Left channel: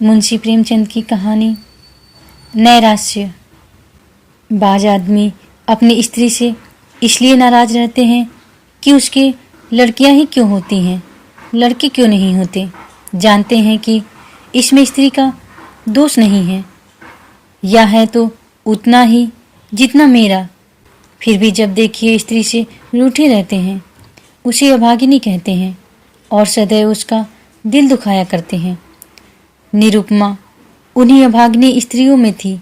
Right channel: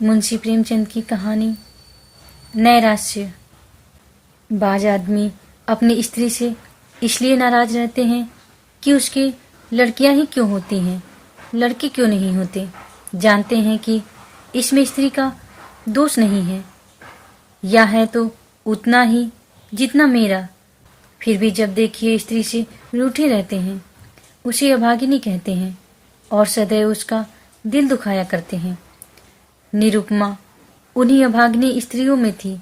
मुंशी प्रेमचंद की कहानी नैराश्य। बाज आदमी अपनी स्त्री से इसलिए नाराज रहते हैं कि उसके लड़कियां ही क्यों होती हैं, लड़के क्यों नहीं होते। जानते हैं कि इसमें स्त्री का दोष नहीं है, या है तो उतना ही जितना मेरा। फिर भी जब देखिए स्त्री से रूठे रहते हैं, उसे अभागिनी कहते हैं और सदैव उसका दिल दुखाया करते हैं। निरुपमा उन्हीं अभागिनी स्त्रियों में थी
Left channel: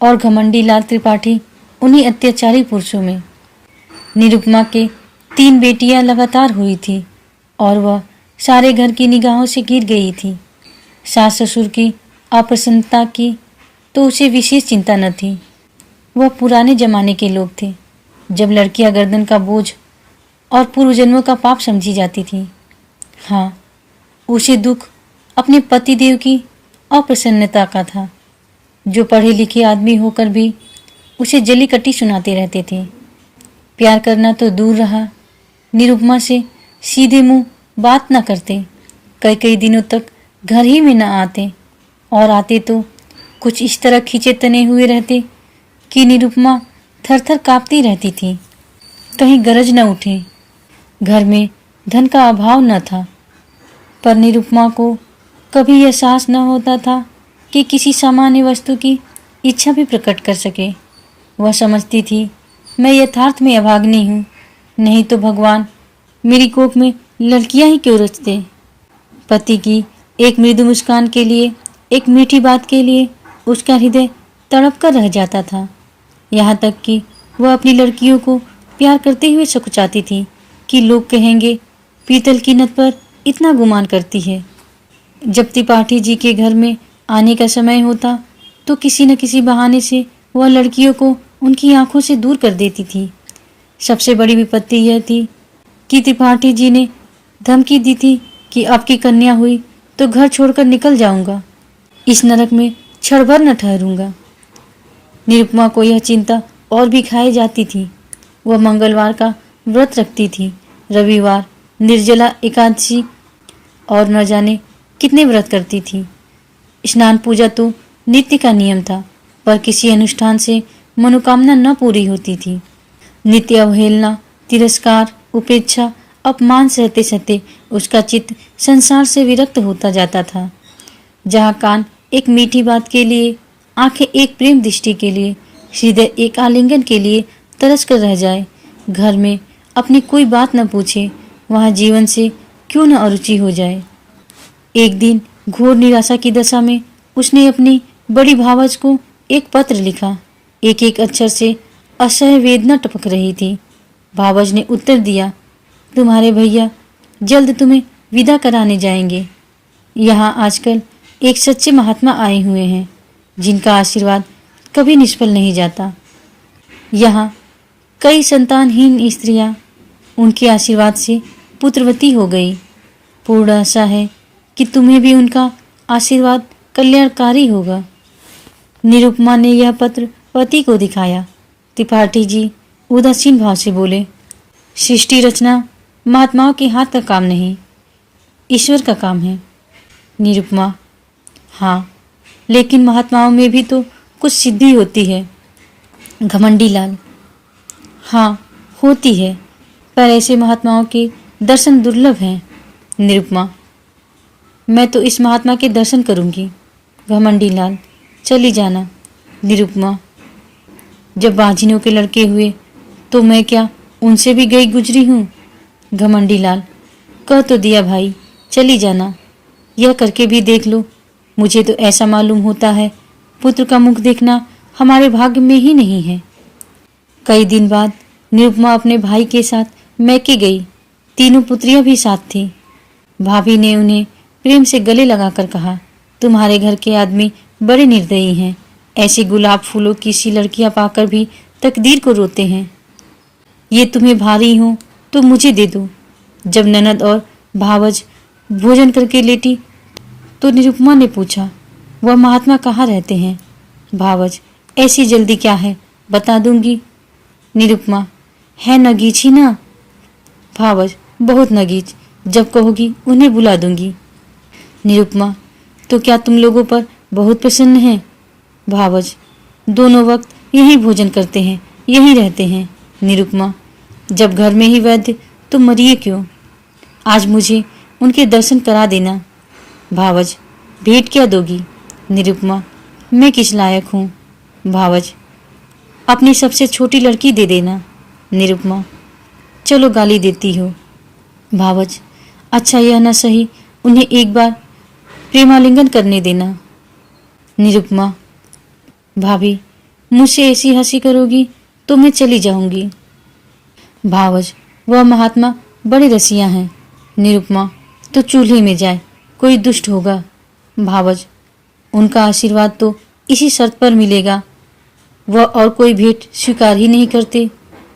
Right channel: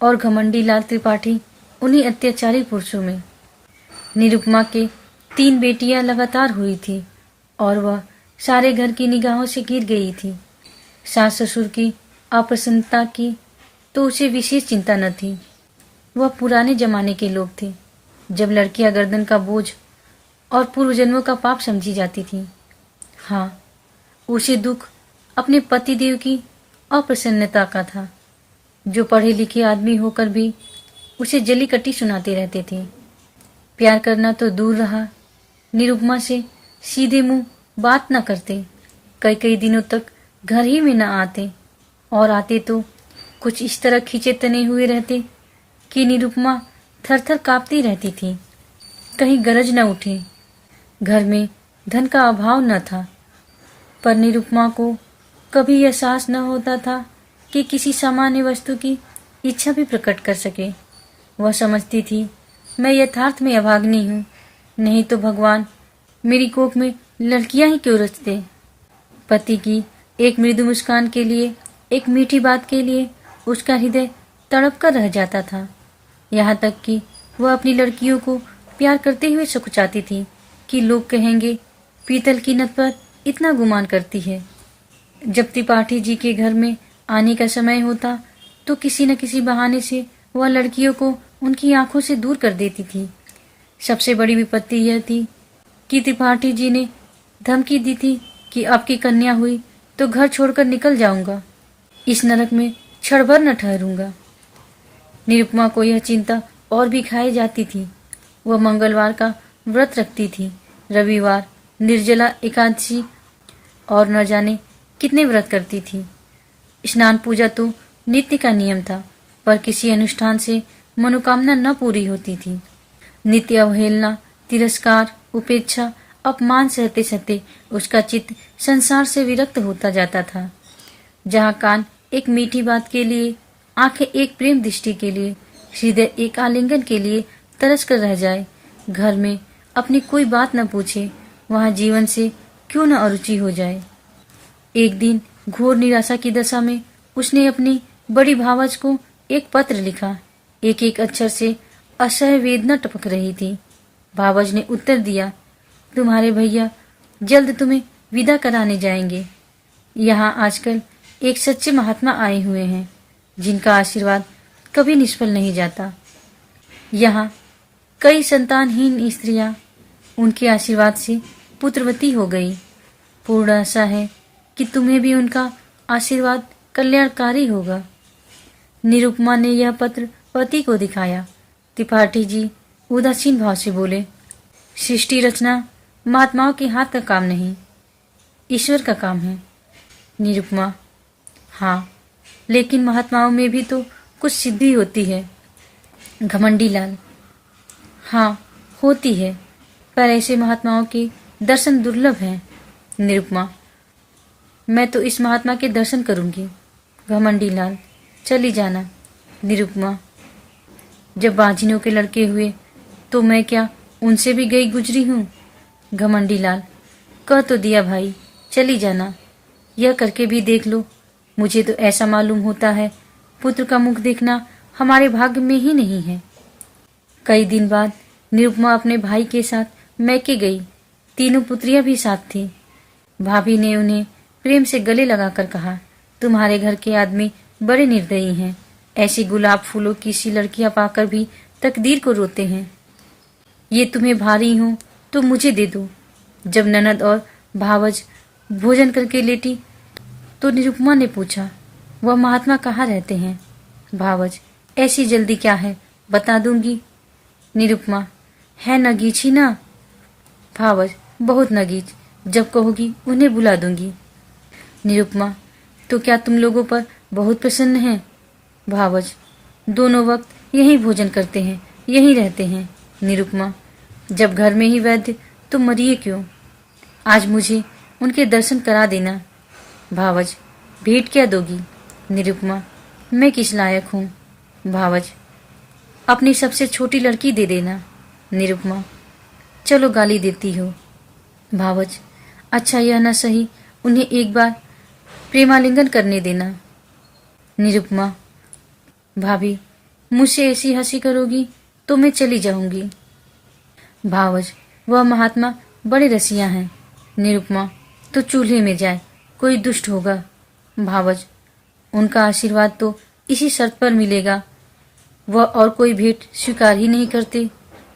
और घमंडी लाल त्रिपाठी उन्हीं अत्याचारी पुरुषों में। निरुपमा के 3 बेटियां लगातार हुई थी और वह सारे घर की निगाहों से गिर गई थी। सास ससुर की अप्रसन्नता की तो उसे विशेष चिंता न थी। वह पुराने जमाने के लोग थे, जब लड़कियां गर्दन का बोझ और पूर्व जन्मों का पाप समझी जाती थी। हाँ, उसे दुख अपने पतिदेव की अप्रसन्नता का था, जो पढ़े लिखे आदमी होकर भी उसे जली कटी सुनाते रहते थे। प्यार करना तो दूर रहा, निरुपमा से सीधे मुंह बात न करते। कई कई दिनों तक घर ही में न आते, और आते तो कुछ इस तरह खींचे तने हुए रहते कि निरुपमा थर थर कांपती रहती थी। कहीं गरज न उठे। घर में धन का अभाव न था, पर निरुपमा को कभी एहसास न होता था कि किसी सामान्य वस्तु की इच्छा भी प्रकट कर सके। वह समझती थी, मैं यथार्थ में अभागिनी हूँ, नहीं तो भगवान मेरी कोख में लड़कियां ही क्यों रचते। पति की एक मृदु मुस्कान के लिए, एक मीठी बात के लिए उसका हृदय तड़प कर रह जाता था। यहाँ तक कि वह अपनी लड़कियों को प्यार करते हुए सकुचाती थी कि लोग कहेंगे, पीतल की नत पर इतना गुमान करती है। जब त्रिपाठी जी के घर में आने का समय होता तो किसी न किसी बहाने से वह लड़कियों को उनकी आंखों से दूर कर देती थी। सबसे बड़ी विपत्ति यह थी कि त्रिपाठी जी ने धमकी दी थी कि आपकी कन्या हुई तो घर छोड़कर निकल जाऊंगा, इस नरक में क्षण भर न ठहरूंगा। निरुपमा को यह चिंता और भी खाई जाती थी। वह मंगलवार का व्रत रखती थी, रविवार निर्जला एकादशी और न जाने कितने व्रत करती थी। स्नान पूजा तो नित्य का नियम था, पर किसी अनुष्ठान से मनोकामना न पूरी होती थी। नित्य अवहेलना, तिरस्कार, उपेक्षा, अपमान सहते सहते उसका चित्त संसार से विरक्त होता जाता था। जहाँ कान एक मीठी बात के लिए, आंखें एक प्रेम दृष्टि के लिए, हृदय एक आलिंगन के लिए तरस कर रह जाए, घर में अपनी कोई बात न पूछे, वहाँ जीवन से क्यों न अरुचि हो जाए। एक दिन घोर निराशा की दशा में उसने अपनी बड़ी भावज को एक पत्र लिखा। एक एक अक्षर से असह्य वेदना टपक रही थी। भावज ने उत्तर दिया, तुम्हारे भैया जल्द तुम्हें विदा कराने जाएंगे। यहाँ आजकल एक सच्चे महात्मा आए हुए हैं, जिनका आशीर्वाद कभी निष्फल नहीं जाता। यहाँ कई संतानहीन स्त्रियां उनके आशीर्वाद से पुत्रवती हो गई। पूर्ण आशा है कि तुम्हें भी उनका आशीर्वाद कल्याणकारी होगा। निरुपमा ने यह पत्र पति को दिखाया। त्रिपाठी जी उदासीन भाव से बोले, सृष्टि रचना महात्माओं के हाथ का काम नहीं, ईश्वर का काम है। निरुपमा, हाँ, लेकिन महात्माओं में भी तो कुछ सिद्धि होती है। घमंडी लाल, हाँ होती है, पर ऐसे महात्माओं के दर्शन दुर्लभ हैं। निरुपमा, मैं तो इस महात्मा के दर्शन करूंगी। घमंडी लाल, चली जाना। निरुपमा, जब बाझिनों के लड़के हुए तो मैं क्या उनसे भी गई गुजरी हूँ। घमंडी लाल, कह तो दिया भाई, चली जाना। यह करके भी देख लो, मुझे तो ऐसा मालूम होता है पुत्र का मुख देखना हमारे भाग्य में ही नहीं है। कई दिन बाद निरुपमा अपने भाई के साथ मैके गई। तीनों पुत्रियां भी साथ थी। भाभी ने उन्हें प्रेम से गले लगाकर कहा, तुम्हारे घर के आदमी बड़े निर्दयी हैं। ऐसी गुलाब फूलों की सी लड़कियां पाकर भी तकदीर को रोते हैं। ये तुम्हें भारी हो तो मुझे दे दो। जब ननद और भावज भोजन करके लेटी तो निरुपमा ने पूछा, वह महात्मा कहाँ रहते हैं। भावज, ऐसी जल्दी क्या है, बता दूंगी। निरुपमा, है नगीच ही ना। भावज, बहुत नगीच, जब कहोगी उन्हें बुला दूंगी। निरुपमा, तो क्या तुम लोगों पर बहुत प्रसन्न है? भावज, दोनों वक्त यही भोजन करते हैं, यही रहते हैं। निरुपमा, जब घर में ही वैद्य तो मरिए क्यों? आज मुझे उनके दर्शन करा देना। भावज, भेंट क्या दोगी? निरुपमा, मैं किस लायक हूँ? भावज, अपनी सबसे छोटी लड़की दे देना। निरुपमा, चलो गाली देती हो। भावज, अच्छा यह न सही, उन्हें एक बार प्रेमालिंगन करने देना। निरुपमा, भाभी, मुझसे ऐसी हंसी करोगी तो मैं चली जाऊंगी। भावज, वह महात्मा बड़े रसिया हैं। निरुपमा, तो चूल्हे में जाए, कोई दुष्ट होगा। भावज, उनका आशीर्वाद तो इसी शर्त पर मिलेगा, वह और कोई भेंट स्वीकार ही नहीं करते।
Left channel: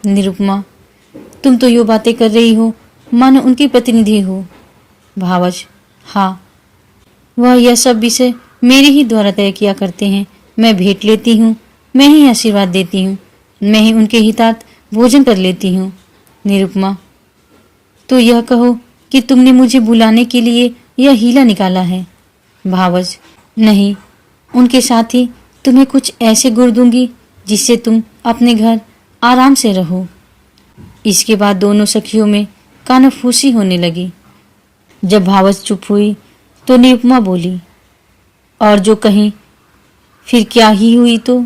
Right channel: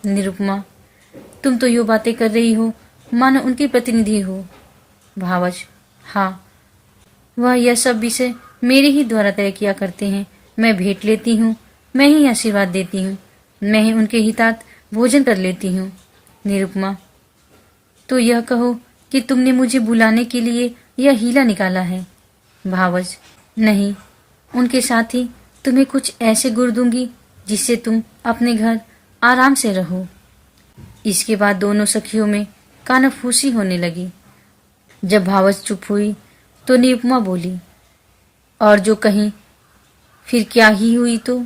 निरुपमा, तुम तो यो बातें कर रही हो मानो उनकी प्रतिनिधि हो। भावज, हाँ, वह यह सब विषय मेरे ही द्वारा तय किया करते हैं। मैं भेंट लेती हूँ, मैं ही आशीर्वाद देती हूँ, मैं ही उनके हितार्थ भोजन कर लेती हूँ। निरुपमा, तो यह कहो कि तुमने मुझे बुलाने के लिए यह हीला निकाला है। भावज, नहीं, उनके साथ ही तुम्हें कुछ ऐसे गुर दूंगी जिससे तुम अपने घर आराम से रहो। इसके बाद दोनों सखियों में कानाफूसी होने लगी। जब भावज चुप हुई तो निरुपमा बोली, और जो कहीं फिर क्या ही हुई तो?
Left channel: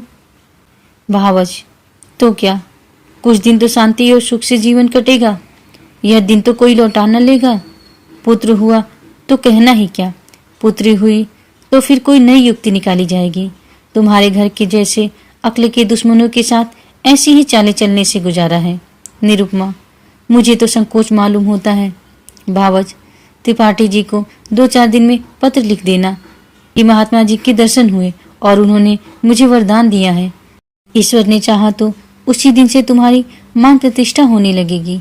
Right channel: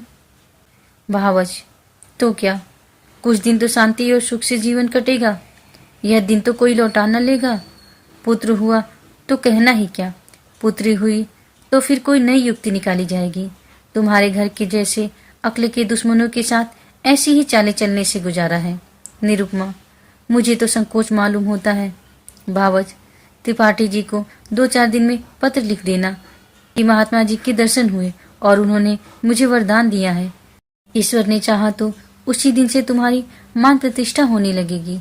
भावज, तो क्या, कुछ दिन तो शांति और सुख से जीवन कटेगा, यह दिन तो कोई लौटा न लेगा। पुत्र हुआ तो कहना ही क्या, पुत्री हुई तो फिर कोई नई युक्ति निकाली जाएगी। तुम्हारे घर के जैसे अक्ल के दुश्मनों के साथ ऐसी ही चालें चलने से गुजारा है। निरुपमा, मुझे तो संकोच मालूम होता है। भावज, त्रिपाठी जी को 2-4 दिन में पत्र लिख देना कि महात्मा जी के दर्शन हुए और उन्होंने मुझे वरदान दिया है। ईश्वर ने चाहा तो उसी दिन से तुम्हारी मान प्रतिष्ठा होने लगेगी।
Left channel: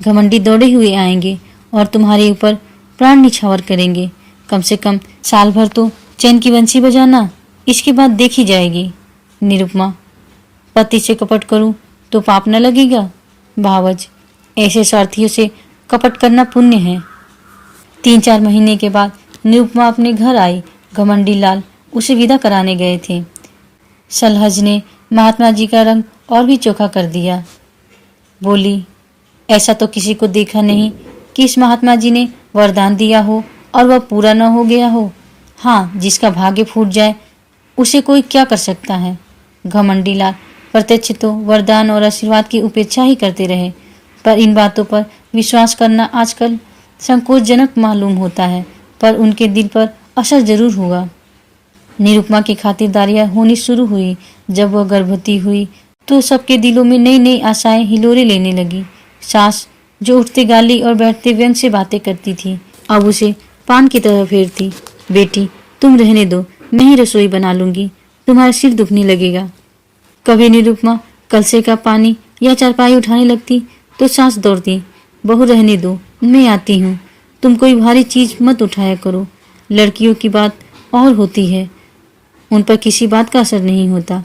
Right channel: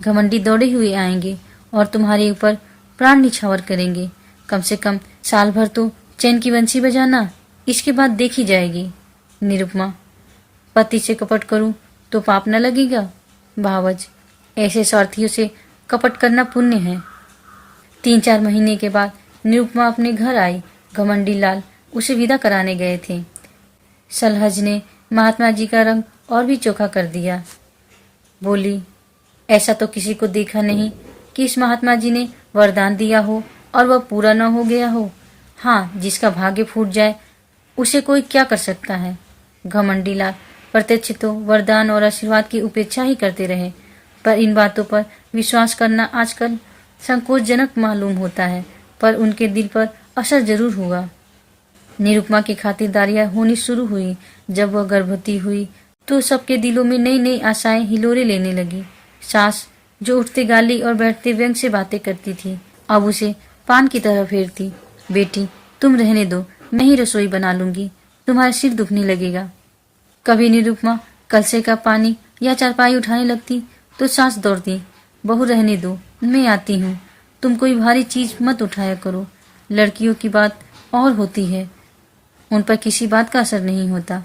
घमंडी दौड़े हुए आएंगे और तुम्हारे ऊपर प्राण निछावर करेंगे। कम से कम साल भर तो चैन की बंसी बजाना, इसके बाद देखी जाएगी। निरुपमा, पति से कपट करूं तो पाप न लगेगा? भावज, ऐसे स्वार्थियों से कपट करना पुण्य है। 3-4 महीने के बाद निरुपमा अपने घर आई। घमंडी लाल उसे विदा कराने गए थे। सलहज ने महात्मा जी का रंग और भी चोखा कर दिया। बोली, ऐसा तो किसी को देखा नहीं कि इस महात्मा जी ने वरदान दिया हो और वह पूरा न हो गया हो। हाँ, जिसका भाग्य फूट जाए उसे कोई क्या कर सकता है। घमंडी लाल प्रत्यक्ष तो वरदान और आशीर्वाद की उपेक्षा ही करते रहे, पर इन बातों पर विश्वास करना आजकल संकोचजनक मालूम होता है, पर उनके दिल पर असर जरूर हुआ। निरुपमा की खातिरदारियां होनी शुरू हुई। जब वह गर्भवती हुई तो सबके दिलों में नई नई आशाएं हिलोरे लेने लगी। सास, जो उठते गाली और बैठते व्यंग से बातें करती थी, अब उसे पान की तरह फेरती। बेटी, तुम रहने दो, मैं ही रसोई बना लूंगी, तुम्हारा सिर दुखने लगेगा। कभी निरुपमा कलसे का पानी या चारपाई उठाने लगती तो सास दौड़ती, बहू रहने दो, मैं आती हूँ, तुम कोई भारी चीज मत उठाया करो। लड़कियों की बात और होती है, उन पर किसी बात का असर नहीं होता।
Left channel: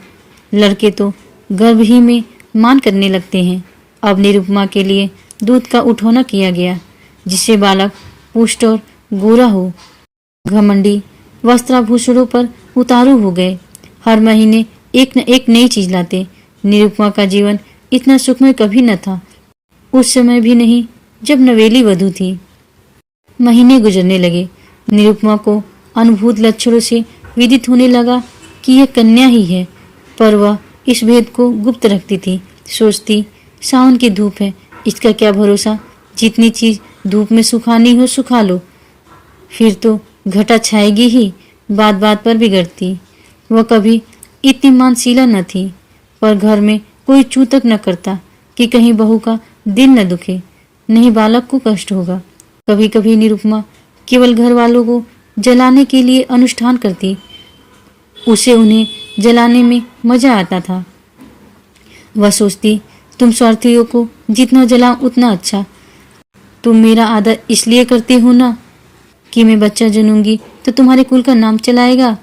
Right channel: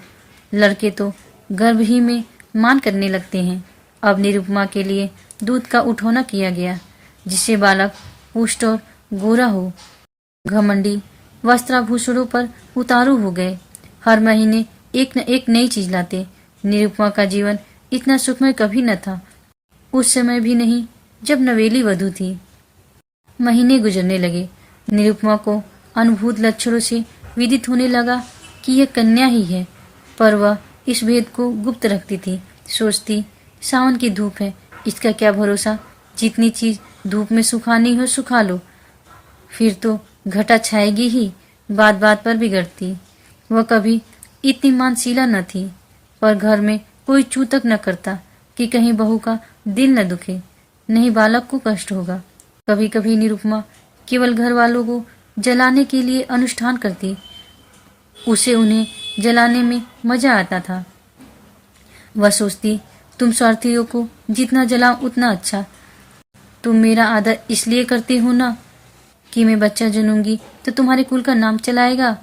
लड़के तो गर्भ ही में मान करने लगते हैं। अब निरुपमा के लिए दूध का उठौना किया गया, जिससे बालक पुष्ट और गोरा हो। घमंडी वस्त्राभूषणों पर उतारू हो गए, हर महीने एक न एक नई चीज लाते। निरुपमा का जीवन इतना सुखमय कभी न था, उस समय भी नहीं जब नवेली वधू थी। महीने गुजरने लगे। निरुपमा को अनुभूत लक्षणों से विदित होने लगा कि यह कन्या ही है, पर वह इस भेद को गुप्त रखती थी। सोचती, सावन की धूप है, इसका क्या भरोसा, जितनी चीज धूप में सुखानी हो सुखा लो, फिर तो घटा छाएगी ही। बात बात पर बिगड़ती। वह कभी इतनी मानशीला न थी, पर घर में कोई चू तक न करता कि कहीं बहू का दिल न दुखे, नहीं बालक को कष्ट होगा। कभी कभी निरुपमा केवल घर वालों को जलाने के लिए अनुष्ठान करती, उसे उन्हें जलाने में मजा आता था। वह सोचती, तुम स्वार्थियों को जितना जलाओ उतना अच्छा। तुम मेरा आदर इसलिए करते हो ना कि मैं बच्चा जनूंगी तो तुम्हारे कुल का नाम चलाएगा।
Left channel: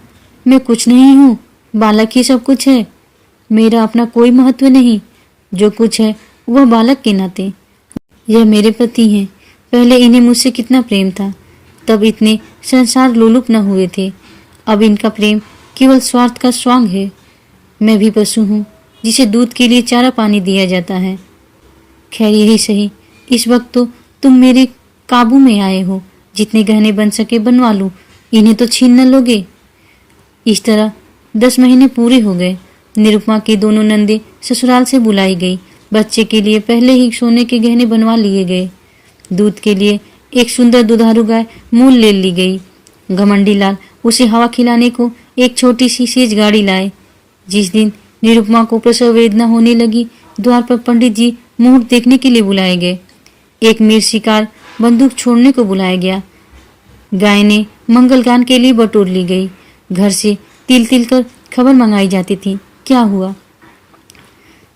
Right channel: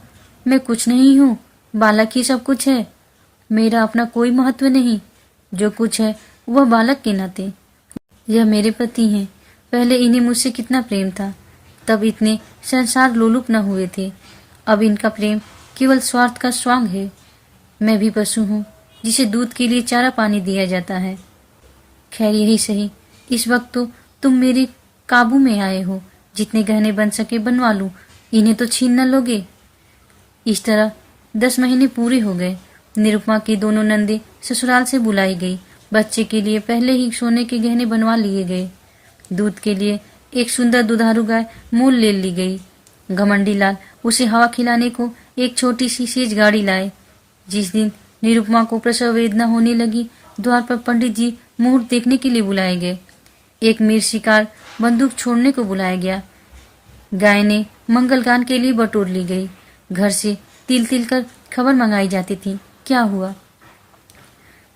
मैं कुछ नहीं हूँ, बालक ही सब कुछ है, मेरा अपना कोई महत्व नहीं, जो कुछ है वह बालक के नाते। यह मेरे पति हैं, पहले इन्हें मुझसे कितना प्रेम था, तब इतने संसार लोलुप न हुए थे। अब इनका प्रेम केवल स्वार्थ का स्वांग है। मैं भी पशु हूँ जिसे दूध के लिए चारा पानी दिया जाता है। खैर यही सही, इस वक्त तो तुम मेरे काबू में आए हो। जितने गहने बन सके बनवा लूं, इन्हें तो छीन न लोगे। इस तरह 10 महीने पूरे हो गए। निरुपमा की दोनों नंदे ससुराल से बुलाई गई। बच्चे के लिए पहले ही सोने के गहने बनवा लिए गए। दूध के लिए एक सुंदर दुधारू गाय मूल ले ली गई। घमंडी लाल उसे हवा खिलाने को एक छोटी सी सेज गाड़ी लाए। जिस दिन निरुपमा को प्रसव वेदना होने लगी, द्वार पर पंडित जी मुहूर्त देखने के लिए बुलाए गए। एक मीर शिकार बंदूक छोड़ने को बुलाया गया। गाय ने मंगल गान के लिए बटोर ली गई। घर से तिल तिल कर खबर मंगाई जाती थी, क्या हुआ।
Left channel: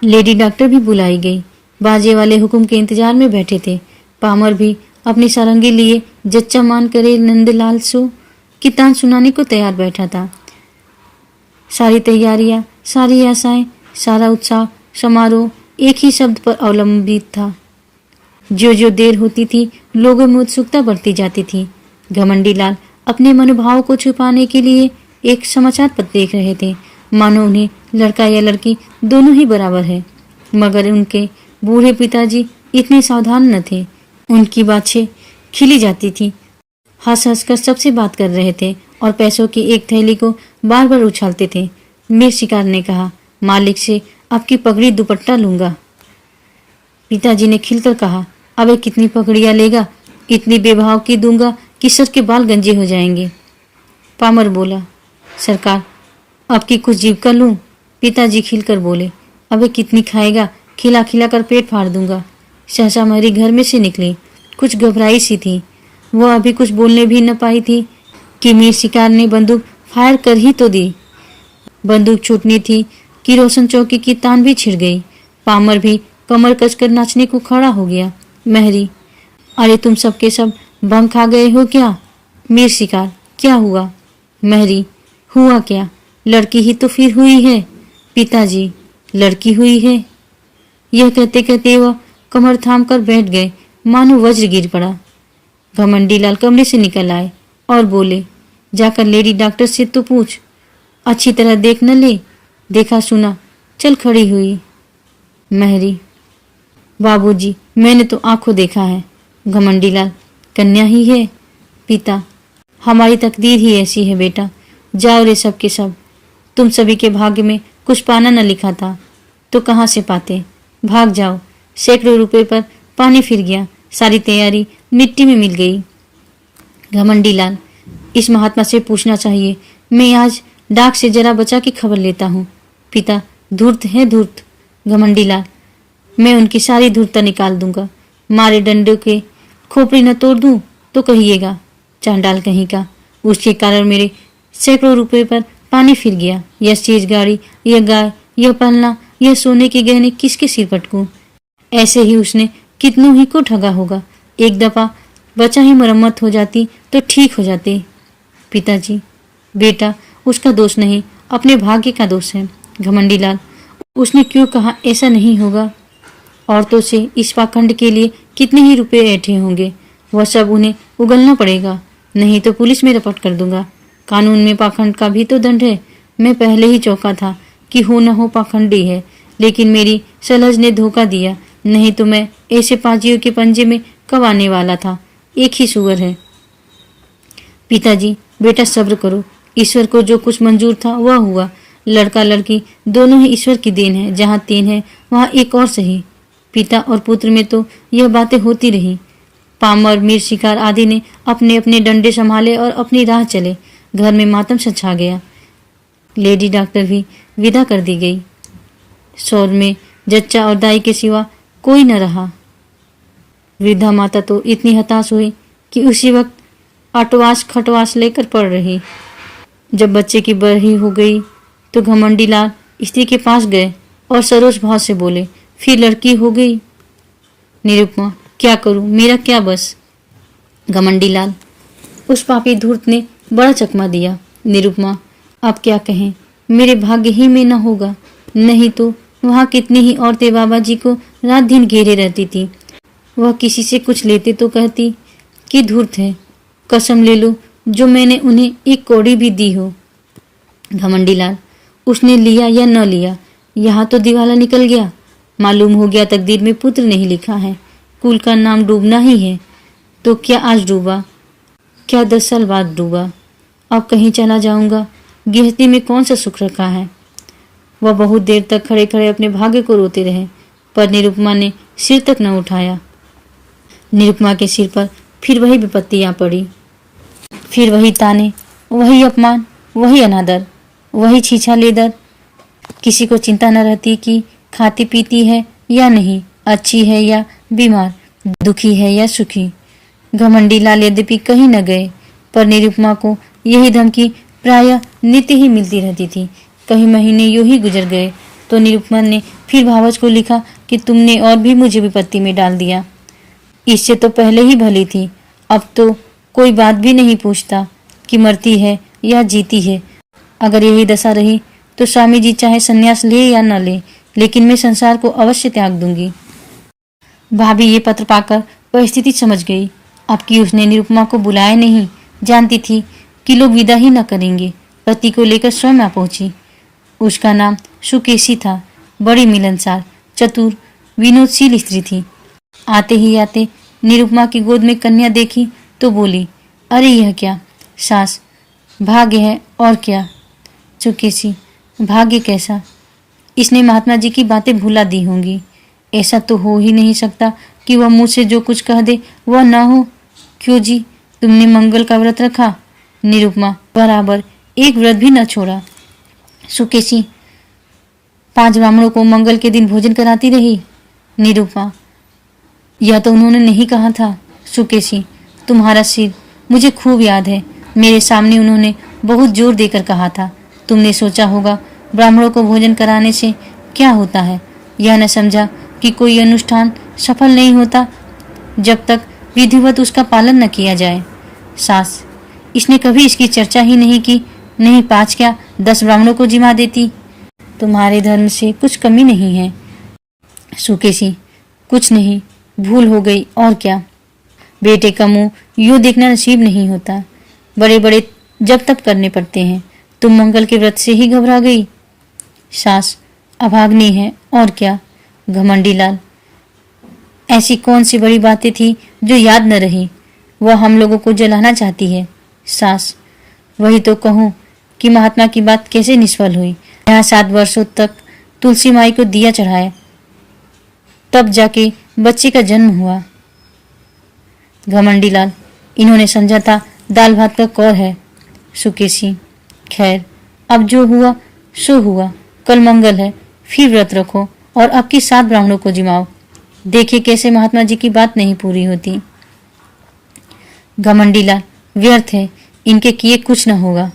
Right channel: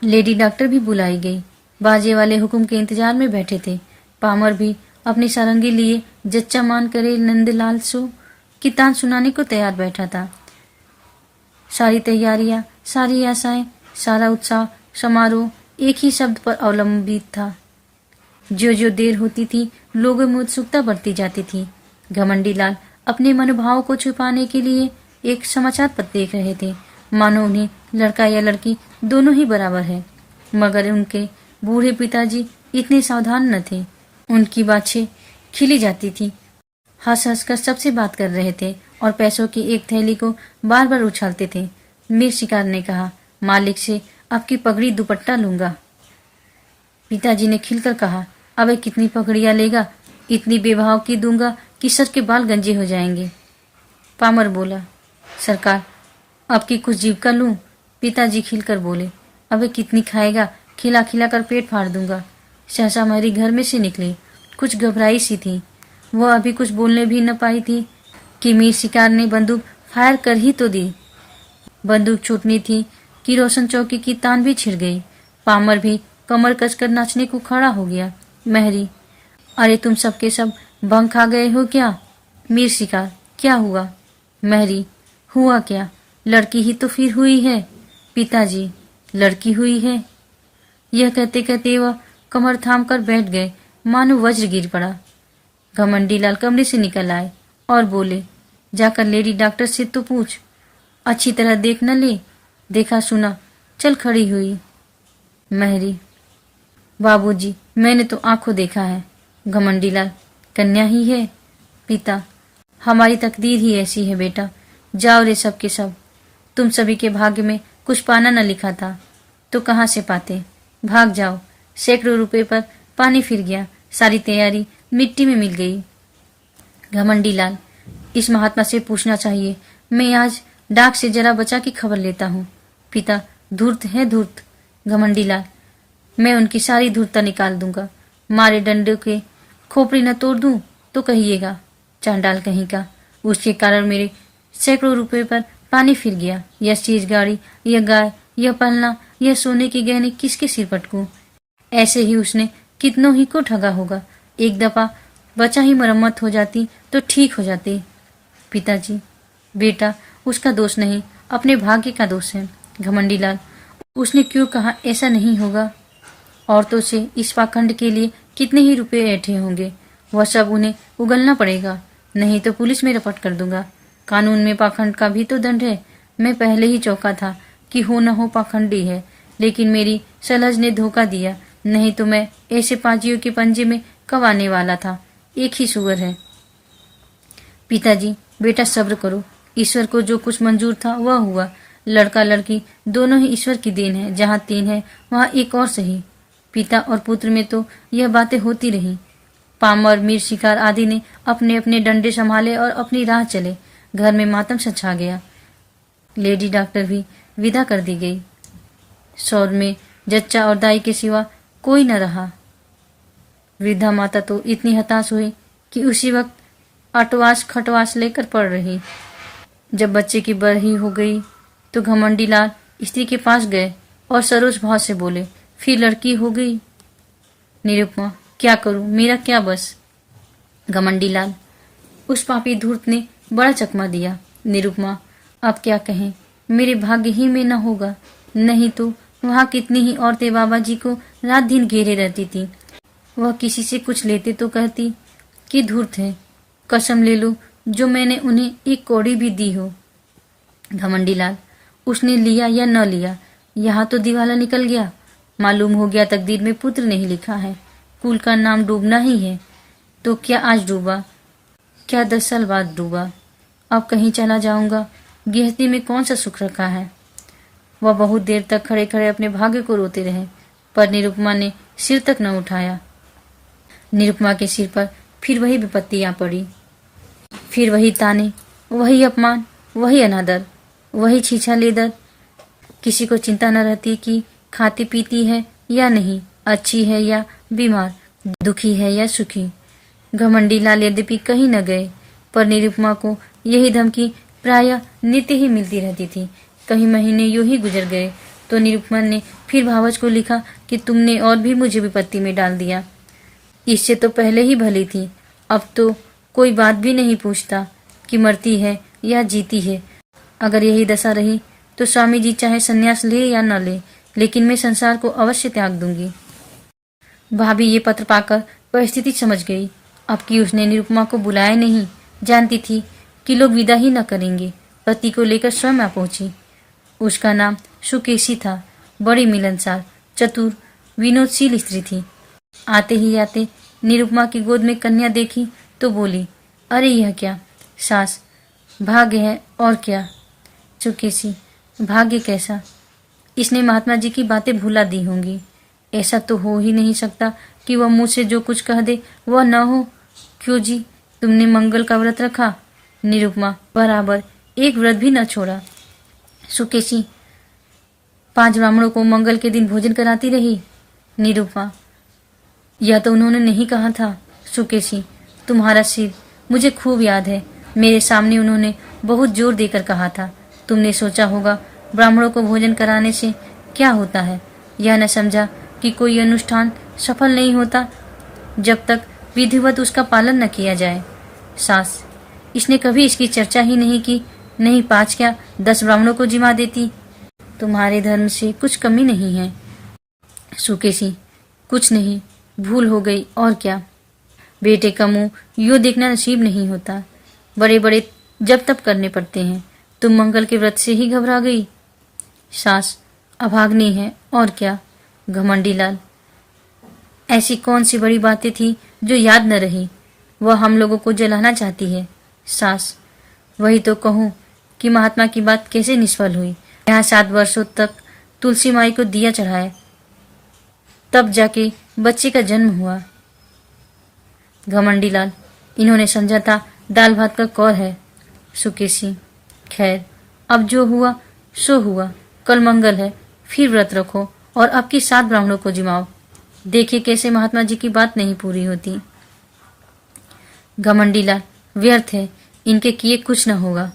लेडी डॉक्टर भी बुलाई गई। बाजे वाले हुक्म के इंतजार में बैठे थे। पामर भी अपनी सारंगी लिए जच्चा मान करे नंदलाल सो की तान सुनाने को तैयार बैठा था। सारी तैयारियां, सारी आशाएं, सारा उत्साह समारोह एक ही शब्द पर अवलंबित था। जो जो देर होती थी, लोगों में उत्सुकता बढ़ती जाती थी। घमंडी लाल अपने मनोभाव को छुपाने के लिए एक समाचार पत्र देख रहे थे, मानो उन्हें लड़का या लड़की दोनों ही बराबर है। मगर उनके बूढ़े पिताजी इतने सावधान न थे। उनकी बातें खिली जाती थी। हंस हंस कर सबसे बात कर रहे थे और पैसों की एक थैली को बार बार उछालते थे। मीर शिकार ने कहा, मालिक से आपकी पगड़ी दुपट्टा लूंगा। पिताजी ने खिलकर कहा, अबे कितनी पगड़ियां लेगा, इतनी बेभाव की दूंगा कि सर के बाल गंजे हो जाएंगे। पामर बोला, सरकार आपकी कुछ जीविका लूं। पिताजी खिलकर बोले, अबे कितनी खाएगा, खिला खिला कर पेट फाड़ दूंगा। सहसा महरी घर में से निकली। कुछ घबराई सी थी। वह अभी कुछ बोलने भी न पाई थी कि मीर शिकार ने बंदूक फायर कर ही तो दी। बंदूक छूटनी थी कि रोशन चौकी की तान भी छिड़ गई। पामर भी कमर कसकर नाचने को खड़ा हो गया। महरी, अरे तुम सबके सब भंग खा गए हो क्या। मीर शिकार, क्या हुआ। महरी, हुआ क्या, लड़की ही तो फिर हुई है। पिताजी, लड़की हुई है। यह कहते कहते वह कमर थाम कर बैठ गए, मानो वज्र गिर पड़ा। घमंडी लाल कमरे से निकल आए और बोले, जाकर लेडी डॉक्टर से तो पूछ, अच्छी तरह देख न ले, देखा सुना चल खड़ी हुई। महरी, बाबूजी मैंने तो आंखों देखा है। घमंडी लाल, कन्या ही है। पिता, हमारी तकदीर ही ऐसी है बेटा। जाओ रे सब के सब, तुम सभी के भाग्य में कुछ पाना न लिखा था तो कहाँ से पाते। भाग जाओ। सैकड़ों रुपए पर पानी फिर गया, सारी तैयारी मिट्टी में मिल गई। घमंडी लाल, इस महात्मा से पूछना चाहिए, मैं आज डाक से जरा बचा के खबर लेता हूँ। पिता, धूर्त है धूर्त। घमंडी लाल, मैं उनकी सारी धूर्तता निकाल दूंगा। मारे डंडे के खोपड़ी न तोड़ दूं तो कहिएगा, चांडाल कहीं का। उसके कारण मेरे सैकड़ों रुपए पर पानी फिर गया। यह चीज गाड़ी, यह गाय, यह पलना, यह सोने के गहने किसके सिर पटकूं। ऐसे ही उसने कितनों ही को ठगा होगा। एक दफा बचा ही मरम्मत हो जाती तो ठीक हो जाती। पिताजी, बेटा उसका दोष नहीं, अपने भाग्य का दोष है। घमंडी लाल, उसने क्यों कहा ऐसा नहीं होगा। औरतों से इस पाखंड के लिए कितने ही रुपए ऐंठे होंगे, वह सब उन्हें उगलना पड़ेगा, नहीं तो पुलिस में रपट कर दूंगा। कानून में पाखंड का भी तो दंड है। मैं पहले ही चौंका था कि हो न हो पाखंडी है, लेकिन मेरी सलज ने धोखा दिया, नहीं तो मैं ऐसे पाजियों के पंजे में कब आने वाला था। एक ही सुअर है। पिताजी, बेटा सब्र करो, ईश्वर को जो कुछ मंजूर था वह हुआ। लड़का लड़की दोनों ही ईश्वर की देन है। जहाँ तीन है वहाँ एक और सही। पिता और पुत्र में तो यह बातें होती रही। पामर, मीर शिकार आदि ने अपने अपने डंडे संभाले और अपनी राह चले। घर में मातम सा छा गया। लेडी डॉक्टर भी विदा कर दी गई। शौर में जच्चा और दाई के सिवा कोई न रहा। वृद्धा माता तो इतनी हताश हुई कि उसी वक्त आटवास खटवास लेकर पड़ रही। जब बच्चे की बरही हो गई तो घमंडी लाल स्त्री के पास गए और सरोज भाव से बोले, फिर लड़की हो गई। निरुपमा, क्या करूं, मेरा क्या बस। घमंडी लाल, उस पापी धूर्त ने बड़ा चकमा दिया। निरुपमा, आप क्या कहें, मेरे भाग्य ही में न होगा। नहीं तो वहाँ कितनी ही औरतें बाबा जी को रात दिन घेरे रहती थी। वह किसी से कुछ लेते तो कहती कि धूर्त है। कसम ले लो जो मैंने उन्हें एक कौड़ी भी दी हो घमंडी लाल, उसने लिया या न लिया, यहाँ तो दिवाला निकल गया। मालूम हो गया तकदीर में पुत्र नहीं लिखा है, कुल का नाम डूबना ही है। तो क्या आज डूबा, क्या 10 साल बाद डूबा। अब कहीं चला जाऊंगा, गृहस्थी में कौन सा सुख रखा है। वह बहुत देर तक खड़े खड़े अपने भाग्य को रोते रहे, पर निरुपमा ने सिर तक न उठाया। निरुपमा के सिर पर फिर वही विपत्ति आ पड़ी, फिर वही ताने, वही अपमान, वही अनादर, वही छीछा लेदर। किसी को चिंता न रहती कि खाती पीती है या नहीं, अच्छी है या बीमार, दुखी है या सुखी। घमंडी लाल यद्यपि कहीं न गए, पर निरुपमा को यही धमकी प्रायः नित्य ही मिलती रहती थी। कई महीने यूं ही गुजर गए तो निरुपमा ने फिर भावज को लिखा कि तुमने और भी मुझे विपत्ति में डाल दिया। इससे तो पहले ही भली थी, अब तो कोई बात भी नहीं पूछता कि मरती है या जीती है। अगर यही दशा रही तो स्वामी जी चाहे संन्यास ले या न ले, लेकिन मैं संसार को अवश्य त्याग दूंगी। भाभी ये पत्र पाकर परिस्थिति समझ गई। अब कि उसने निरुपमा को बुलाया नहीं, जानती थी कि लोग विदा ही न करेंगे, पति को लेकर स्वयं आ पहुंची। उसका नाम सुकेशी था, बड़ी मिलनसार, चतुर, विनोदशील स्त्री थी। आते ही आते निरुपमा की गोद में कन्या देखी तो बोली, अरे यह क्या सास, भाग्य है और क्या। सुकेशी, भाग्य कैसा, इसने महात्मा जी की बातें भुला दी होंगी। ऐसा तो हो ही नहीं सकता कि वह मुझ से जो कुछ कह दे वह ना हो। क्यों जी, तुमने मंगल का व्रत रखा। निरुपमा, बराबर एक व्रत भी न छोड़ा। सुकेशी, 5 ब्राह्मणों को मंगल के दिन भोजन कराती रही। निरुपमा, यह तो उन्होंने नहीं कहा था। सुकेशी, तुम्हारा सिर मुझे खूब याद है, मेरे सामने उन्होंने बहुत जोर देकर कहा था। तुमने सोचा होगा ब्राह्मणों को भोजन कराने से क्या होता है, यह न समझा कि कोई अनुष्ठान सफल नहीं होता जब तक विधिवत उसका पालन न किया जाए। सास, इसने कभी इसकी चर्चा ही नहीं की, नहीं 5 क्या 10 ब्राह्मणों को जिमा देती। तुम्हारे धर्म से कुछ कमी नहीं है। सुकेशी, कुछ नहीं, भूल हो गई और क्या। बेटे का मुंह यूं देखना नसीब नहीं होता, बड़े बड़े जब तब करने पड़ते हैं। तुम मंगल के व्रत से ही घबरा गई। सास, अभाग्नि है और क्या। घमंडी लाल, ऐसी कौन सी बड़ी बातें थी जो याद न रही। वह हम लोगों को जलाना चाहती है। सास, वही तो कहूँ कि महात्मा की बात कैसे निष्फल हुई। यहाँ 7 वर्षों तक तुलसी माई को दिया चढ़ाया, तब जाके बच्चे का जन्म हुआ। घमंडी लाल, इन्होंने समझा था दाल भात का कौर है। सुकेशी, खैर अब जो हुआ सो हुआ, कल मंगल है, फिर व्रत रखो और अब की 7 ब्राह्मणों को जिमाओ। देखिए कैसे महात्मा जी की बात नहीं पूरी होती। घमंडी लाल, व्यर्थ है, इनके किए कुछ न होगा।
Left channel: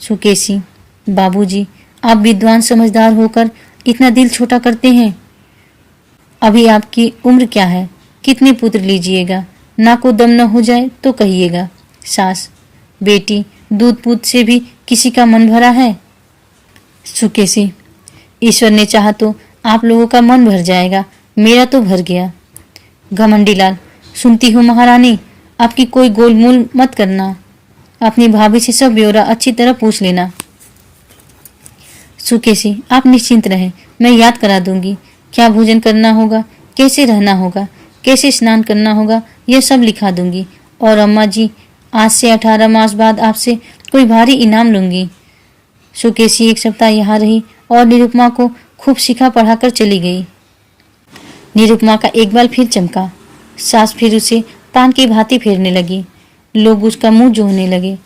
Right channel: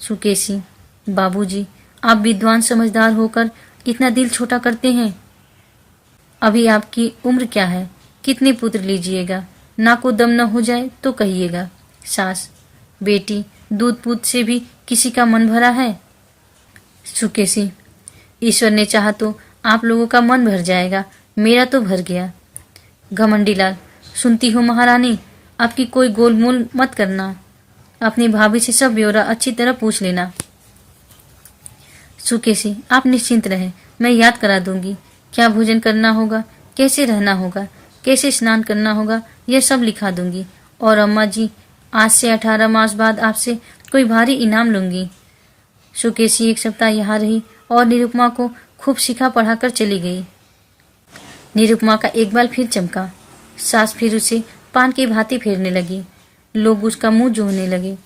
सुकेशी, बाबूजी, आप विद्वान समझदार होकर इतना दिल छोटा करते हैं। अभी आपकी उम्र क्या है, कितने पुत्र लीजिएगा, ना को दम न हो जाए तो कहिएगा। सास, बेटी, दूध पूत से भी किसी का मन भरा है। सुकेशी, ईश्वर ने चाहा तो आप लोगों का मन भर जाएगा, मेरा तो भर गया। घमंडी लाल, सुनती हूँ महारानी, आपकी कोई गोलमोल मत करना, अपनी भाभी से सब ब्यौरा अच्छी तरह पूछ लेना। सुकेशी, आप निश्चिंत रहें, मैं याद करा दूंगी। क्या भोजन करना होगा, कैसे रहना होगा, कैसे स्नान करना होगा, यह सब लिखा दूंगी। और अम्मा जी, आज से 18 मास बाद आपसे कोई भारी इनाम लूंगी। सुकेशी 1 सप्ताह यहाँ रही और निरुपमा को खूब सिखा पढ़ाकर चली गई। निरुपमा का एक बाल फिर चमका। सास फिर उसे पान की भांति फेरने लगी। लोग उसका मुंह जोहने लगे,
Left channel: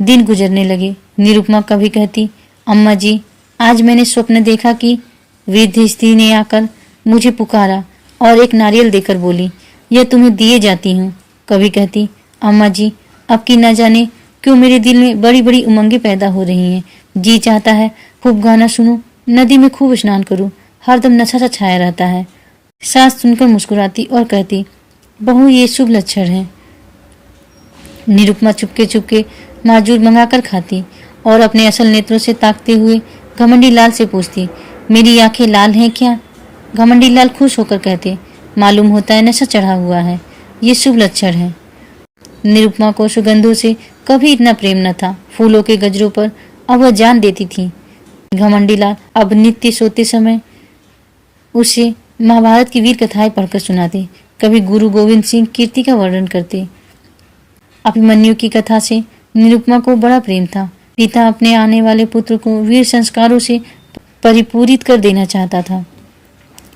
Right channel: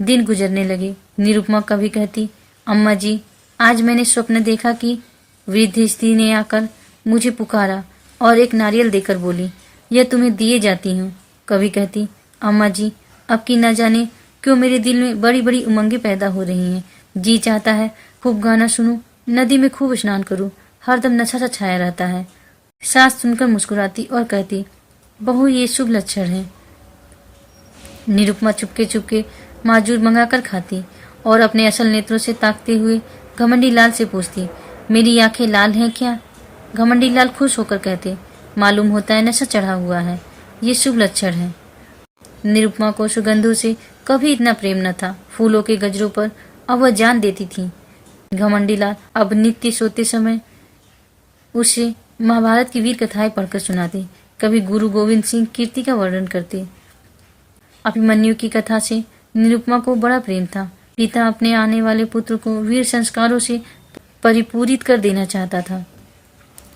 दिन गुजरने लगे। निरुपमा कभी कहती, अम्मा जी, आज मैंने स्वप्न देखा कि वृद्ध स्त्री ने आकर मुझे पुकारा और एक नारियल देकर बोली, यह तुम्हें दिए जाती हूँ। कभी कहती, अम्मा जी, अब की न जाने क्यों मेरे दिल में बड़ी बड़ी उमंगें पैदा हो रही हैं। जी चाहता है खूब गाना सुनूं, नदी में खूब स्नान करूं, हरदम नशा सा छाया रहता है। सास सुनकर मुस्कुराती और कहती, बहू, ये शुभ लक्षण है। निरुपमा चुपके चुपके माजूर मंगाकर खाती और अपने असल नेत्रों से ताकते हुए घमंडी लाल से पूछती, मेरी आंखें लाल हैं क्या। घमंडी लाल खुश होकर कहते, मालूम होता है नशा चढ़ा हुआ है, ये शुभ लक्षण है। निरुपमा को सुगंधों से कभी इतना प्रेम न था। फूलों के गजरों पर अब वह जान देती थी। घमंडी लाल अब नित्य सोते समय उसे महाभारत की वीर कथाएं पढ़कर सुनाते, कभी गुरु गोविंद सिंह कीर्ति का वर्णन करते। अभिमन्यु की कथा से निरुपमा को बड़ा प्रेम था। पिता अपने आने वाले पुत्र को वीर संस्कारों से परिपूरित कर देना चाहता था।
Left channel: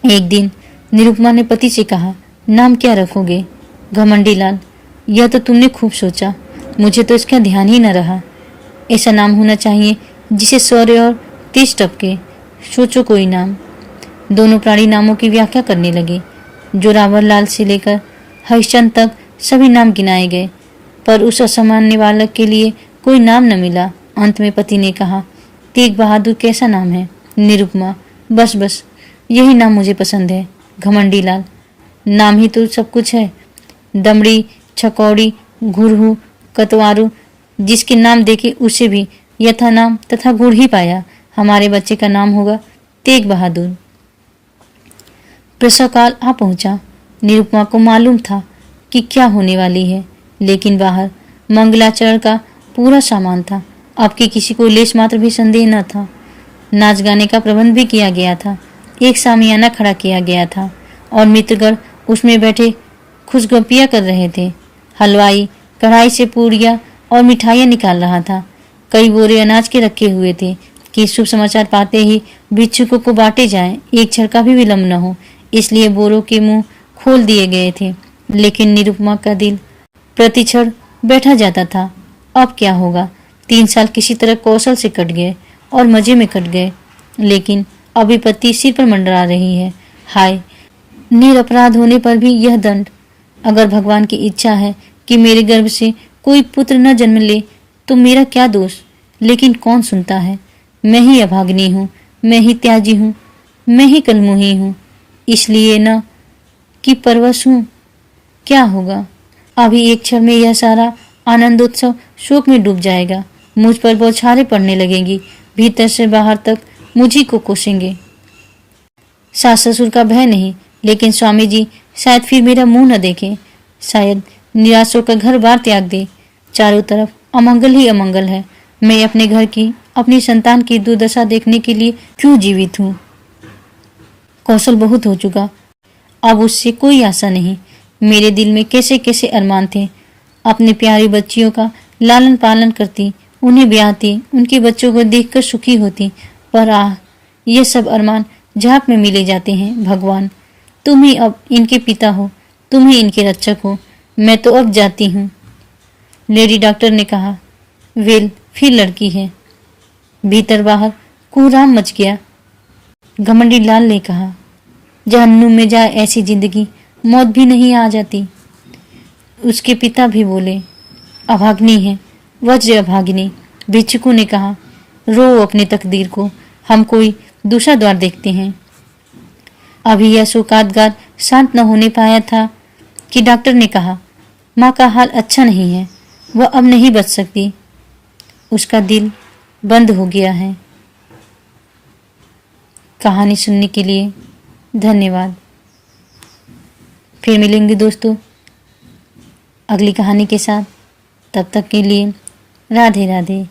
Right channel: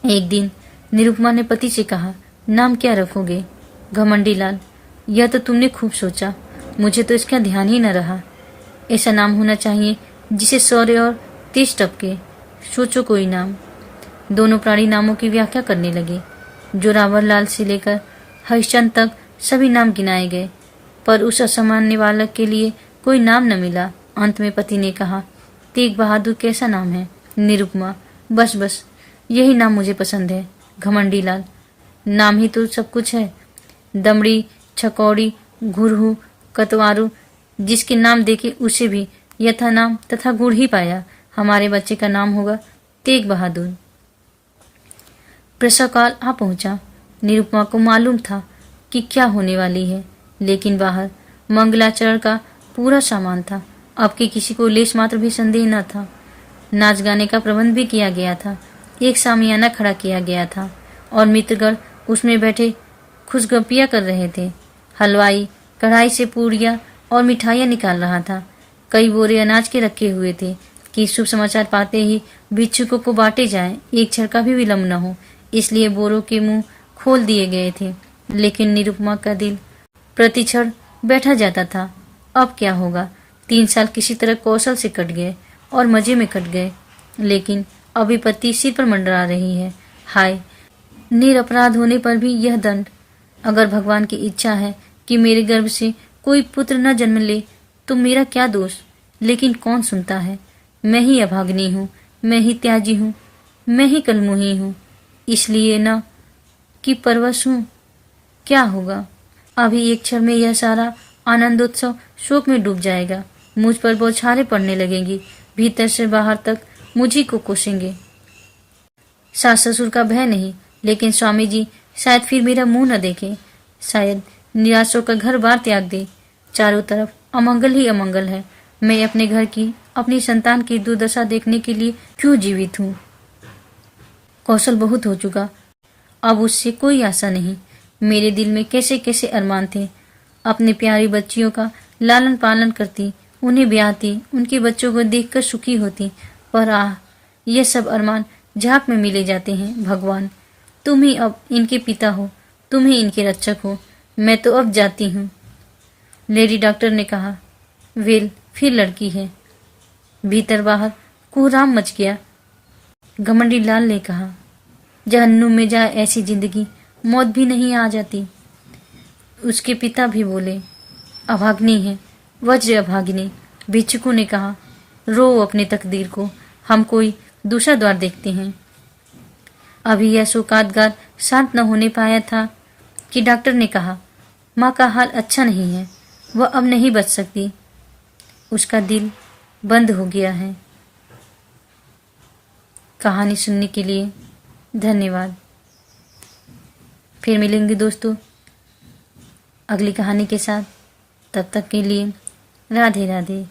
एक दिन निरुपमा ने पति से कहा, नाम क्या रखोगे? घमंडी लाल, यह तो तुमने खूब सोचा, मुझे तो इसका ध्यान ही न रहा। ऐसा नाम होना चाहिए जिसे शौर्य और तेज टपके। सोचो कोई नाम। दोनों प्राणी नामों की व्याख्या करने लगे। जोरावर लाल से लेकर हरिश्चंद्र तक सभी नाम गिनाए गए, पर उस असामान्य बालक के लिए कोई नाम न मिला। अंत में पति ने कहा, तेग बहादुर कैसा नाम है? निरुपमा, बस बस यही नाम मुझे पसंद है। घमंडी लाल, नाम ही तो सब कुछ है। दमड़ी, छकौड़ी, घुरहू, कतवारू, जिसके नाम देखे उसे भी यथा नाम तथा गुण ही पाया। हमारे बच्चे का नाम होगा तेग बहादुर। प्रसव काल आ पहुंचा। निरुपमा को मालूम था कि क्या होने वाली है, लेकिन बाहर मंगलाचरण का पूरा सामान था। अब कि किसी को लेश मात्र भी संदेह न था। नाच गाने का प्रबंध भी किया गया था। एक सामियाना खड़ा किया गया था और मित्रगण उसमें बैठे खुशगपियां कर रहे थे। हलवाई कढ़ाई से पूड़ियां और मिठाइयां निकाल रहा था। कई बोरे अनाज के रखे हुए थे कि शुभ समाचार पाते ही भिक्षुकों को बांटे जाएं, एक क्षण का भी विलंब न हो, इसलिए बोरों के मुंह खोल दिए गए थे। लेकिन निरुपमा का दिल प्रतिक्षण बैठा जाता था। अब क्या होगा? 3 साल किसी तरह कौशल से कट गए और मजे में कट गए, लेकिन अब विपत्ति सिर पर मंडरा रही है। हाय, निरपराध होने पर भी यह दंड। अगर भगवान की इच्छा है कि मेरे गर्भ से कोई पुत्र न जन्म ले तो मेरा क्या दोष? लेकिन कौन सुनता है? मैं ही अभागिनी हूँ, मैं ही त्याजी हूँ, मैं ही कलमुही हूँ, इसलिए न कि परवश हूँ। क्या होगा? अभी एक क्षण में यह सारा आनंदोत्सव शोक में डूब जाएगा। मुझ पर बौछारें पड़ने लगेंगी, भीतर से बाहर तक मुझी को कोसेंगे। सास ससुर का भय नहीं, लेकिन स्वामी जी शायद फिर मेरा मुंह न देखें, शायद निराश होकर घर बार त्याग दे। चारों तरफ अमंगल ही अमंगल है। मैं अपने घर की, अपनी संतान की दुर्दशा देखने के लिए क्यों जीवित हूँ? कौशल बहुत हो चुका, अब उससे कोई आशा नहीं। मेरे दिल में कैसे कैसे अरमान थे। अपने प्यारी बच्चियों का लालन पालन करती, उन्हें ब्याहती, उनके बच्चों को देखकर सुखी होती, पर आह, ये सब अरमान झांक में मिले जाते हैं। भगवान, तुम ही अब इनके पिता हो, तुम ही इनके रक्षक हो। मैं तो अब जाती हूँ। लेडी डॉक्टर ने कहा। वेल, फिर लड़की है। भीतर बाहर कोहराम मच गया। घमंडी लाल ने कहा, जहन्नुम में जाए ऐसी जिंदगी, मौत भी नहीं आ जाती। उसके पिता भी बोले, अभाग्नि है, वज्र अभागिनी। भिक्षुकों ने कहा, रो अपने तकदीर को, हम कोई दूसरा द्वार देखते हैं। अभी यह शोकादगार शांत न होने पाया था कि डॉक्टर ने कहा, माँ का हाल अच्छा नहीं है, वह अब नहीं बच सकती, उसका दिल बंद हो गया है। कहानी सुनने के लिए धन्यवाद। फिर मिलेंगे दोस्तों अगली कहानी के साथ। तब तक के लिए राधे राधे।